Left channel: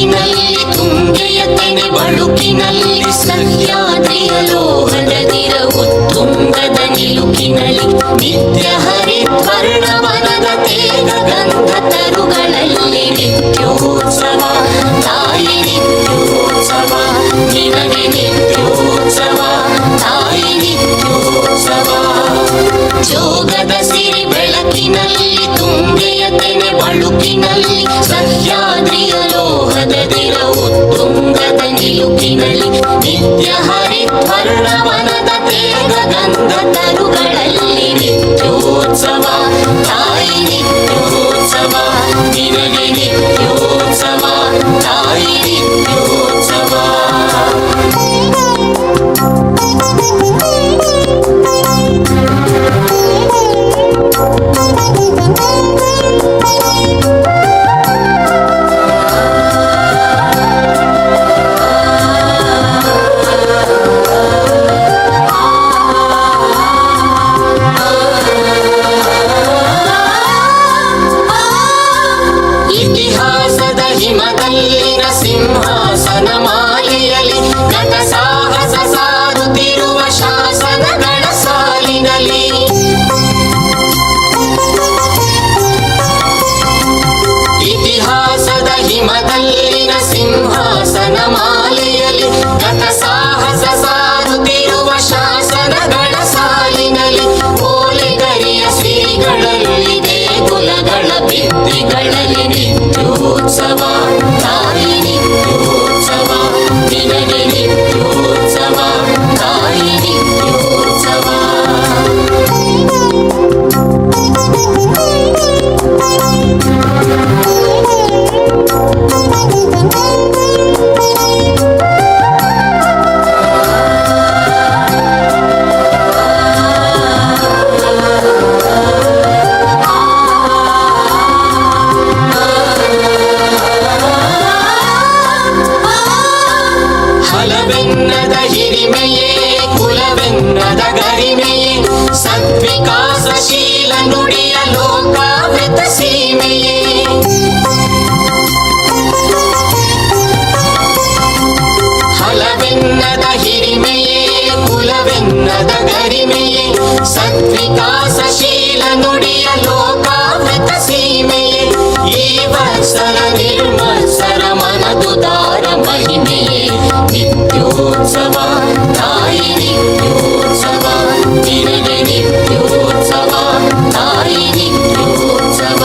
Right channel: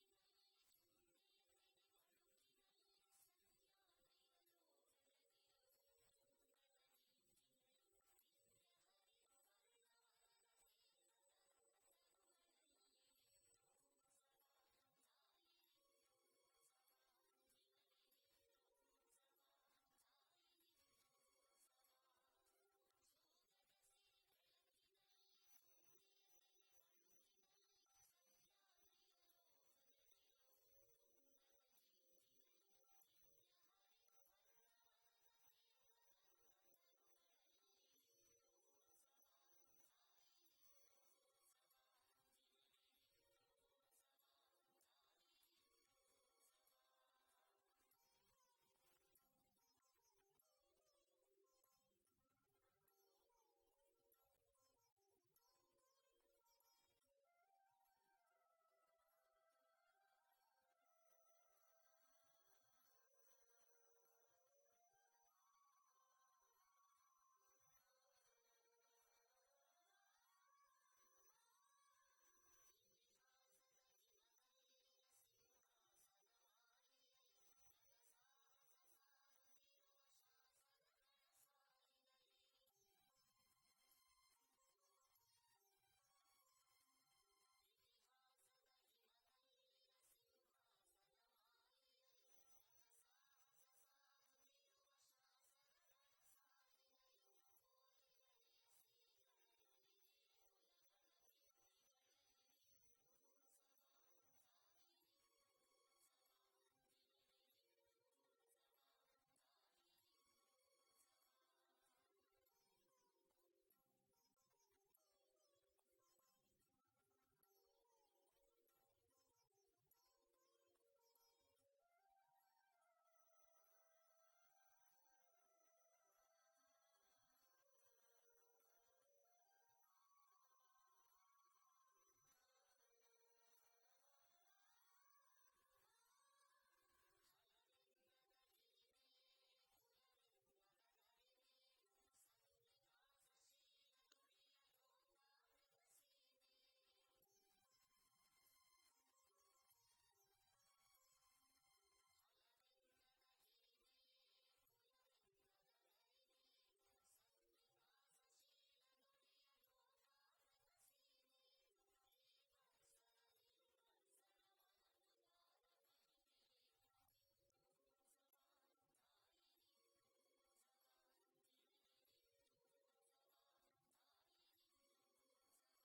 ಬೆಳಕಿನಲ್ಲಿ ತುಂಗೆಯ ತೆನೆ ಬಳುಕಿನಲ್ಲಿ ಸಹ್ಯಾದ್ರಿಯ ಲೋಹದ ದಿರವು ತುಂಗದ ನಿಲುಕಿನಲ್ಲಿ ನಿತ್ಯ ಹರಿದ್ವರ್ಣವನದ ತೇಗ ಗಂಧ ತರುಗಳಲ್ಲಿ ನಿತ್ಯೋತ್ಸವ ತಾಯಿ ನಿತ್ಯೋತ್ಸವ ನಿನಗೆ ನಿತ್ಯೋತ್ಸವ ತಾಯಿ ನಿತ್ಯೋತ್ಸವ ಜೋಗದ ಸಿರಿ ಬೆಳಕಿನಲ್ಲಿ ತುಂಗೆಯ ತೆನೆ ಬಳುಕಿನಲ್ಲಿ ಸಹ್ಯಾದ್ರಿಯ ಲೋಹದ ದಿರವು ತುಂಗದ ನಿಲುಕಿನಲ್ಲಿ ನಿತ್ಯ ಹರಿದ್ವರ್ಣವನದ ತೇಗ ಗಂಧ ತರುಗಳಲ್ಲಿ ನಿತ್ಯೋತ್ಸವ ತಾಯಿ ನಿತ್ಯೋತ್ಸವ ನಿನಗೆ ನಿತ್ಯೋತ್ಸವ ತಾಯಿ ನಿತ್ಯೋತ್ಸವ ಇತಿಹಾಸದ ಹಿಮದಲ್ಲಿನ ಸಿಂಹಾಸನ ಮಾಲೆಯಲ್ಲಿ ನಟ ಸಾಹಸ ಸಾರುತ್ತಿರುವ ಶಾಸನಗಳ ಸಾಲಿನಲ್ಲಿ ಇತಿಹಾಸದ ಹಿಮದಲ್ಲಿನ ಸಿಂಹಾಸನ ಮಾಲೆಯಲ್ಲಿ ನಟ ಸಾಹಸ ಸಾರುತ್ತಿರುವ ಶಾಸನಗಳ ಸಾಲಿನಲ್ಲಿ ಓಲೆಗರಿಯ ಶ್ರೀಗಳಲ್ಲಿ ದೇಗುಲಗಳ ಭಿತ್ತಿಗಳಲ್ಲಿ ನಿತ್ಯೋತ್ಸವ ತಾಯಿ ನಿತ್ಯೋತ್ಸವ ನಿನಗೆ ನಿತ್ಯೋತ್ಸವ ತಾಯಿ ನಿತ್ಯೋತ್ಸವ ಹಲವೆನ್ನದ ಹಿರಿಮೆಯೇ ಕುಲವೆನ್ನದ ಗರಿಮೆಯೇ ಸದ್ವಿಕಾಸಶೀಲ ನುಡಿಯ ಲೋಕಾವೃತ ಸೀಮೆಯೇ ಹಲವೆನ್ನದ ಹಿರಿಮೆಯೇ ಕುಲವೆನ್ನದ ಗರಿಮೆಯೇ ಸದ್ವಿಕಾಸಶೀಲ ನುಡಿಯ ಲೋಕಾವೃತ ಸೀಮೆಯೇ ಈ ವತ್ಸರ ನಿರ್ಮತ್ಸರ ಮನದುದಾರ ಮಹಿಮೆಯೇ ನಿತ್ಯೋತ್ಸವ ತಾಯಿ ನಿತ್ಯೋತ್ಸವ ನಿನಗೆ ನಿತ್ಯೋತ್ಸವ ತಾಯಿ ನಿತ್ಯೋತ್ಸವ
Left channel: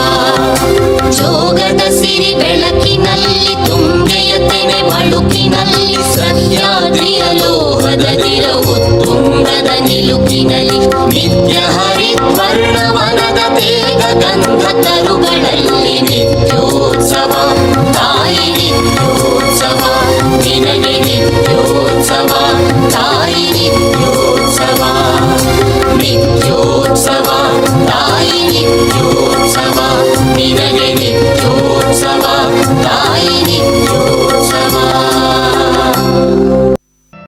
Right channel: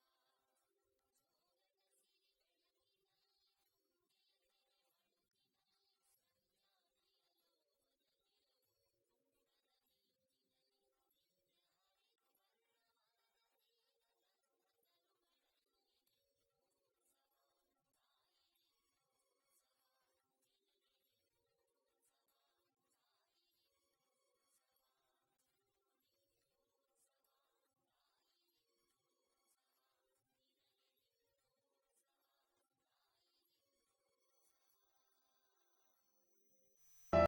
ಜೋಗದ ಸಿರಿ ಬೆಳಕಿನಲ್ಲಿ ತುಂಗೆಯ ತೆನೆ ಬಳುಕಿನಲ್ಲಿ ಸಹ್ಯಾದ್ರಿಯ ಲೋಹದ ದಿರವು ತುಂಗದ ನಿಲುಕಿನಲ್ಲಿ ನಿತ್ಯ ಹರಿದ್ವರ್ಣವನದ ತೇಗ ಗಂಧ ತರುಗಳಲ್ಲಿ ನಿತ್ಯೋತ್ಸವ ತಾಯಿ ನಿತ್ಯೋತ್ಸವ ನಿನಗೆ ನಿತ್ಯೋತ್ಸವ ತಾಯಿ ನಿತ್ಯೋತ್ಸವ ನಿತ್ಯೋತ್ಸವ ತಾಯಿ ನಿತ್ಯೋತ್ಸವ